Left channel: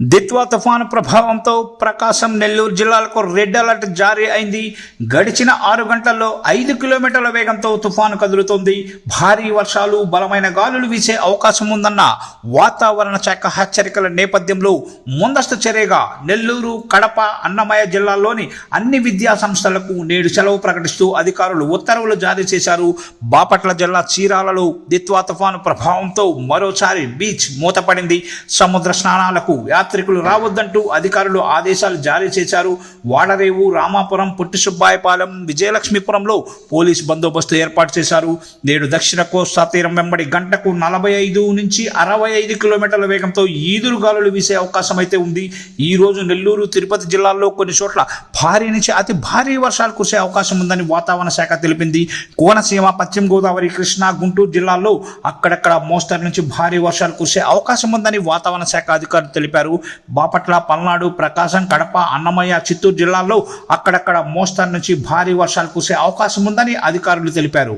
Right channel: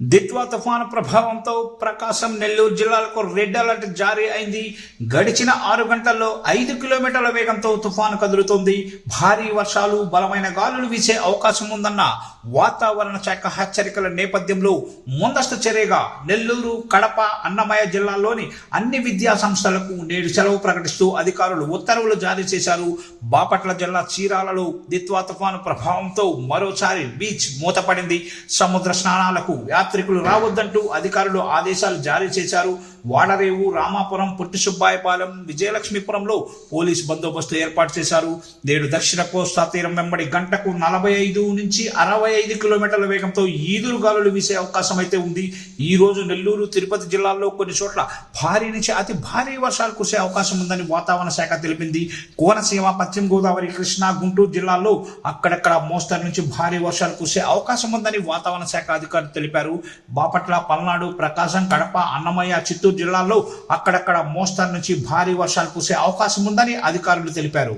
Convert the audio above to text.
దిత్వా తుఫాను ప్రభావంతో ప్రకాశం, నెల్లూరు జిల్లాలకు రెడ్ అలర్ట్ జారీ అయింది. గడిచిన 6 గంటల్లో 5 కిలోమీటర్ల వేగంతో తుఫాను కదులుతోంది. భారీ వర్షాలు, బలమైన గాలులు వీసే అవకాశం ఉందన్న వాతావరణ శాఖ హెచ్చరికల నేపథ్యంలో ముందస్తు చర్యగా నెల్లూరు, కడప, అన్నమయ్య జిల్లాల్లోని అన్ని విద్యా సంస్థలకు నేడు సెలవు ప్రకటిస్తూ అధికారులు ఉత్తర్వులు జారీ చేశారు. బాపట్ల జిల్లా చీరాలలో దిత్వా తుఫాను ప్రభావంతో మరోసారి బీచ్ మూతపడింది. సముద్ర స్నానాలకు యాత్రికులు రావద్దంటూ అధికారులు ఆదేశాలు జారీ చేశారు. వాడరేవు, రామాపురం, పుట్టి సుబ్బాయపాలెం, విజయలక్ష్మీపురంలో పోలీస్ బందోబస్తు ఏర్పాటు చేశారు. నేడు దక్షిణ కోస్తా తీరం వెంబడి గంటకు 45 నుంచి 65 కిలోమీటర్ల వేగంతో ఈదురు గాలులు వీసే అవకాశం అయితే ఉంది. ఈ రోజు నెల్లూరు, తిరుపతి జిల్లాల్లో కొన్ని చోట్ల భారీ నుంచి అతి భారీ వర్షాలు కురిసే అవకాశం ఉందని వాతావరణ శాఖ తెలిపింది. కోనసీమ, పశ్చిమ గోదావరి, కృష్ణా, గుంటూరు జిల్లాల్లో అక్కడక్కడ మోస్తరు నుంచి భారీ వర్షాలు కురిసే అవకాశం ఉందని వాతావరణ శాఖ అధికారులు తెలిపారు. బాపట్ల, పల్నాడు, ప్రకాశం, కడప, అన్నమయ్య, చిత్తూరు జిల్లాల్లో అక్కడక్కడ మోస్తరు నుంచి భారీ వర్షాలు కురిసే అవకాశం ఉందని అధికారులు తెలిపారు.